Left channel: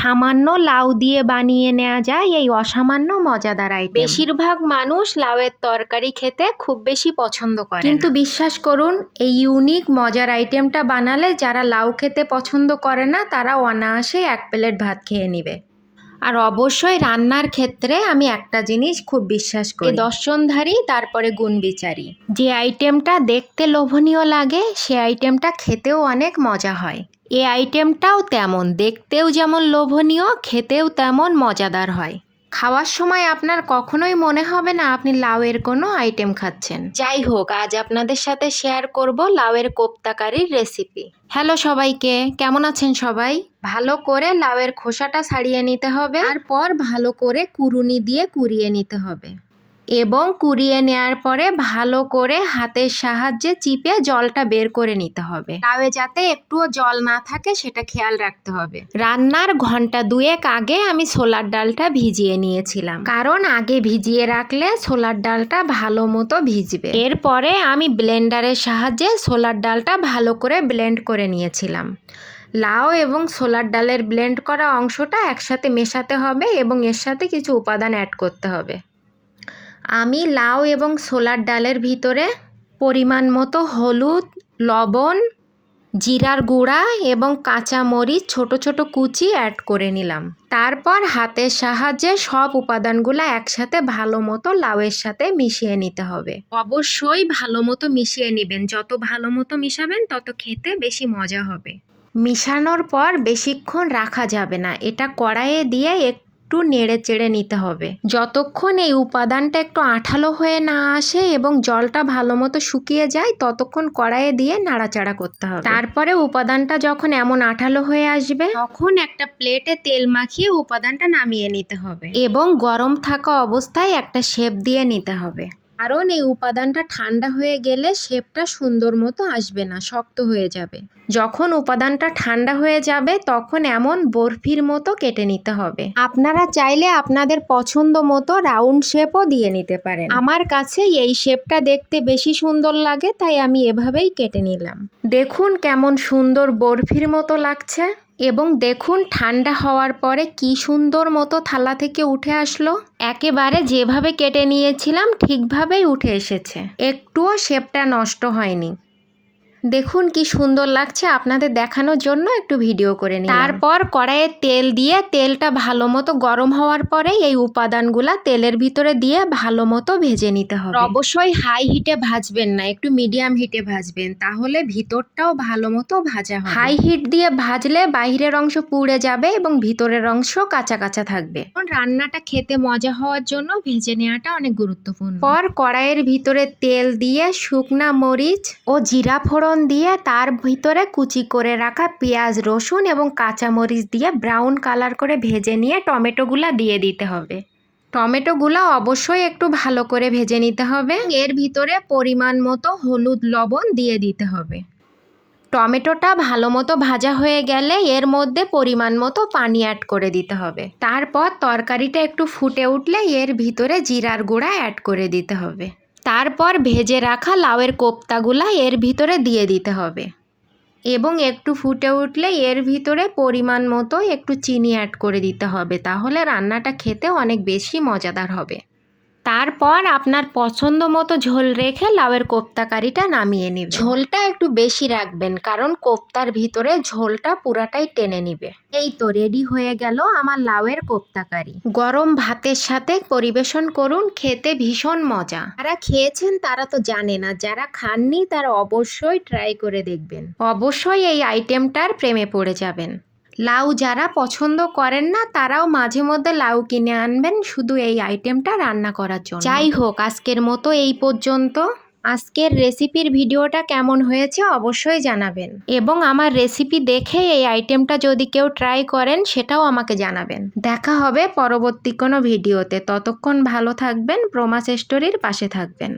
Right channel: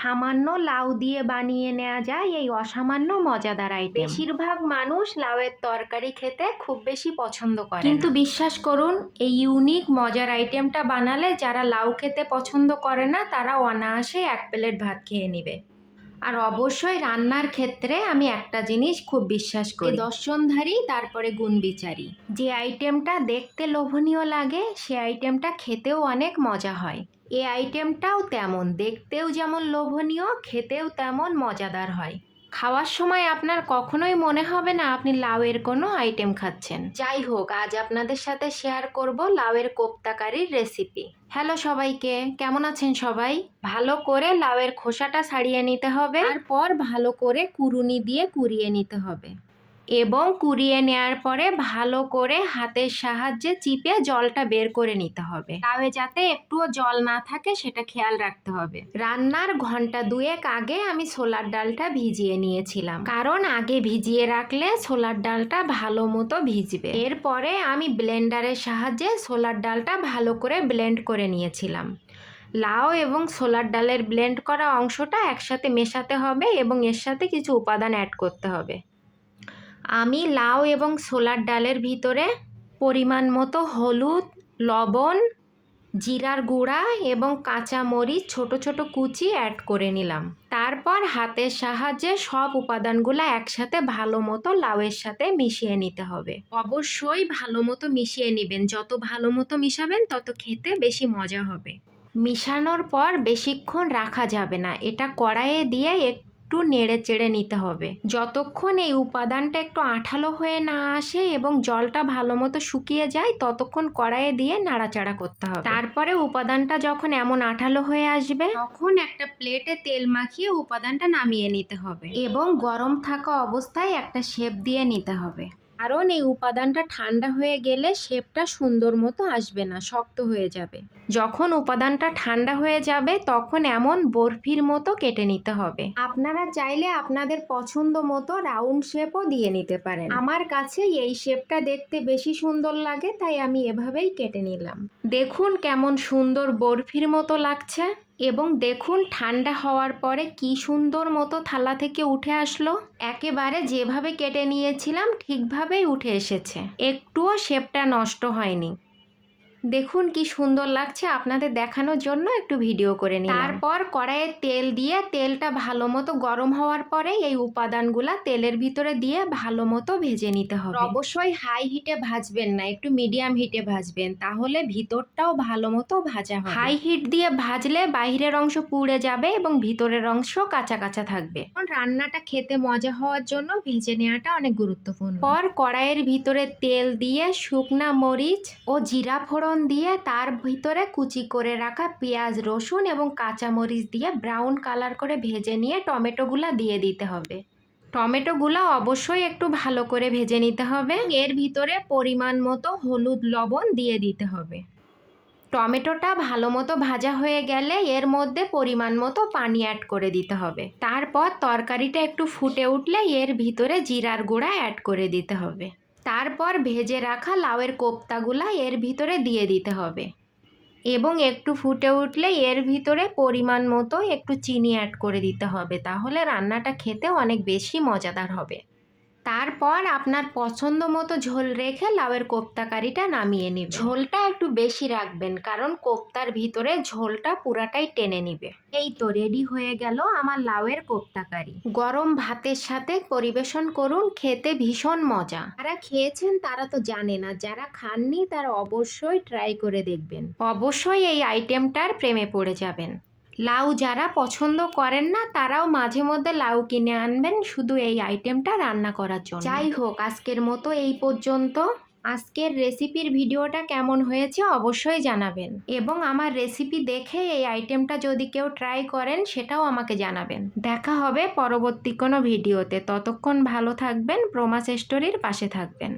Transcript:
সামান্য লাউ দিয়ে বানিয়ে নেওয়া যায় এই অসামান্য মজাদার আইটেম। বেশিরভাগ মানুষ লাউয়ের তরকারি খেতে খুব বেশি পছন্দ করে, কিন্তু বিশ্বাস করুন এই ইউনিক মজার আইটেমটা বানালে যারা লাউ খেতে পছন্দ করে না তারা অনায়াসে এক প্লেট ভাত খেয়ে নেবে। আর অবশ্যই রান্নার ক্ষেত্রে আমি একটা জিনিস খুব বিশ্বাস করি, দর্শনধারী তারপরে গুণ বিচারী। যে আইটেমটা দেখতে লোভনীয় লাগে সে আইটেমটা খেতেও অনেক মজা হয়। এই আইটেমটাও তেমন, দেখতেও যেমন লোভনীয় খেতেও তেমন মজাদার হয়। খাওয়ার সময় আপনার কখনোই মনে হবে না আপনি লাউয়ের কোনো আইটেম খাচ্ছেন। যাই হোক, আজ আপনাদের সাথে শেয়ার করব লাউয়ের কোপ্তা কারির রেসিপি। হ্যালো সবাইকে, কেমন আছেন সবাই? ভালো করে লাউয়ের খোসাটা ছাড়িয়ে নিতে হবে, তারপর ভালো করে কুড়ুনি দিয়ে কুড়িয়ে নিতে হবে এবং কুড়িয়ে নেওয়ার পরে ভালো করে হাতের সাহায্যে চিপে জলটা বের করে নিতে হবে। লাউয়ে যাতে একটুও জল না থাকে সেটা খেয়াল রাখতে হবে। রান্নার ঘন্টা দুয়েক আগে আমি ছোলার ডালটা ভিজিয়ে নিয়েছিলাম, কারণ আগে ভিজিয়ে রাখলে ছোলার ডালটা ভালো মতো ভিজবে। এরপরে আমি ব্লেন্ডারের সাহায্যে ছোলার ডালটা ভালো করে ব্লেন্ড করে নিয়েছিলাম। লাউ এবং ছোলার ডালের ব্লেন্ড করা অংশটা একসাথে মেশাতে হবে এবং এর সাথে কিছু উপাদান অ্যাড করতে হবে। আমি লাউ এবং ছোলার ডালের ভিতরে পরিমাণ মতো হলুদ, লবণ, জিরার গুঁড়া এবং কাঁচা মরিচ ছোট ছোট কুচি অ্যাড করে নিলাম। তারপর হাতের সাহায্যে সব উপাদানগুলো একসাথে ভালো মতো লাউয়ের সাথে মিশিয়ে নিতে হবে। অবশ্যই ভালো মতো মিশিয়ে নেবেন, যত ভালো মতো মিশাবেন তত খেতে বেশি মজা হবে। মিশানোর পর বেশিক্ষণ রাখা যাবে না, এটা কড়াইয়ে দিয়ে একটু নেড়ে চেড়ে নিতে হবে যতক্ষণ এই উপাদানটা একটু আঠালো হয়ে না আসে এবং জলটা ভালো মতো শুকিয়ে যায় ততক্ষণ কড়াইয়ে দিয়ে নাড়াচাড়া করতে হবে। তারপরে উপাদানটা যখন এমন আঠালো হয়ে আসবে তখন একটা প্লেটে তেল মাখিয়ে উপাদানটা নামিয়ে নিতে হবে এবং গরম থাকা অবস্থায় একটা শেপ দিয়ে নিতে হবে, কারণ এই উপাদানটা ঠান্ডা হয়ে গেলে শেপটা সুন্দর মতো আসবে না, শক্ত হয়ে যাবে। যখন উপাদানটা ঠান্ডা হয়ে যাবে তখন এমন বরফির মতো কেটে নিতে হবে। আপনারা চাইলে আপনাদের পছন্দ মতো রাউন্ড শেপও দিয়ে নিতে পারেন। আমার কাছে এই শেপটা দেখতে বেশি সুন্দর লাগে তাই আমি এভাবেই কেটে নিলাম। দেখুন কেমন সুন্দর বরফির মতো লাগছে এবং দেখুন ঠান্ডা হওয়ার পরে কি সুন্দর মতো থালা থেকে উঠে আসলো। একেবারে যেভাবে কেটে নিয়েছিলাম ঠিকভাবেই উঠে এসেছে, একটুও শেপটা নষ্ট হয়নি। দেখুন কি সুন্দর লাগছে, আপনাদের দেখানোর জন্য একটু ভিডিও করে নিলাম। তারপর কড়াইয়ে তেল দিয়ে তেলটা ভালো মতো গরম হওয়ার পরে এই উপাদানগুলা তেলের ভিতরে দিয়ে ভালো মতো ভেজে নিতে হবে। অবশ্যই হাই হিটে ভাজবেন না, একটু মিডিয়াম হিটে ভাজবেন, তাহলে ভিতরটাও ভালো মতো ভাজা হবে। হাই হিট দিয়ে ভাজলে বাইরের অংশ পুড়ে যাবে এবং ভিতরের অংশ কাঁচা কাঁচা থাকবে। রান্নাটা খেতে মজা হওয়ার জন্য ভেজে নেওয়াটা অনেক গুরুত্বপূর্ণ। পর কড়াইয়ের ভিতরে তেল দিয়ে শুকনা মরিচ ও জিরা ফোড়ন দিয়ে তার ভিতরে কুচি করে রাখা পেঁয়াজ, রসুন এবং কাঁচামরিচ দিয়ে ব্রাউন কালার করে ভেজে নিয়ে টমেটোগুলা দিয়ে দিতে হবে। টমেটোগুলো অবশ্যই একটু ভালো করে ভেজে নিতে হবে। এর ভিতরে পরিমাণ মতো হলুদ, লবণ দিয়ে দিতে হবে। টমেটোটা ভালো মতো ভাজা হয়ে গেলে এর মধ্যে পরিমাণ মতো পানি অ্যাড করে দিতে হবে। তারপর তরকারিটা একটু ফুটে উঠলে এর ভিতরে জিরার গুঁড়া অ্যাড করে দিতে হবে। তারপর ভেজে রাখা লাউয়ের কোপ্তাগুলা এর ভিতরে দিয়ে দিতে হবে এবং একটু ফুটে উঠলে এর ভিতরে পরিমাণ মতো একটু চিনি অ্যাড করে দিতে হবে, তাহলে রান্নাটা খেতে অনেক বেশি মজাদার হবে। তারপর আপনার পছন্দ মতো ঝোল রেখে লাউয়ের কোপ্তা কারিটা নামিয়ে নেবেন। ঝোলটা একটু বেশি রাখবেন কারণ কোপ্তার ভিতরে ঝোলটা পুরাটাই টেনে নিবে। এই তো রেডি হয়ে গেল আমার লাউয়ের কোপ্তা কারি। গরম ভাতের সাথে পরিবেশন করুন, খেতে ভীষণ মজা। যারা খেয়েছেন তারা তো জানে না, যারা খাননি তারা অবশ্যই ট্রাই করে দেখবেন, অবশ্যই এই আইটেমটার প্রেমে পড়ে যাবেন। লাউ যারা পছন্দ করেন না তারাও মাঝে মধ্যে লাউ কিনে আনবেন শুধু এই আইটেমটা রান্না করার জন্য। যাই হোক, আজকের মতো এই পর্যন্ত। আজকের রেসিপির ভিডিওটা কেমন হয়েছে অবশ্যই জানাবেন এবং আমার রেসিপি দেখে এই আইটেমটা যদি কেউ ট্রাই করেন সেটাও আমাকে জানাবেন। দেখা হবে পরবর্তী কোনো ভিডিওতে, ততক্ষণ ভালো থাকবেন, প্রমাস স্টোরির পাশে থাকবেন।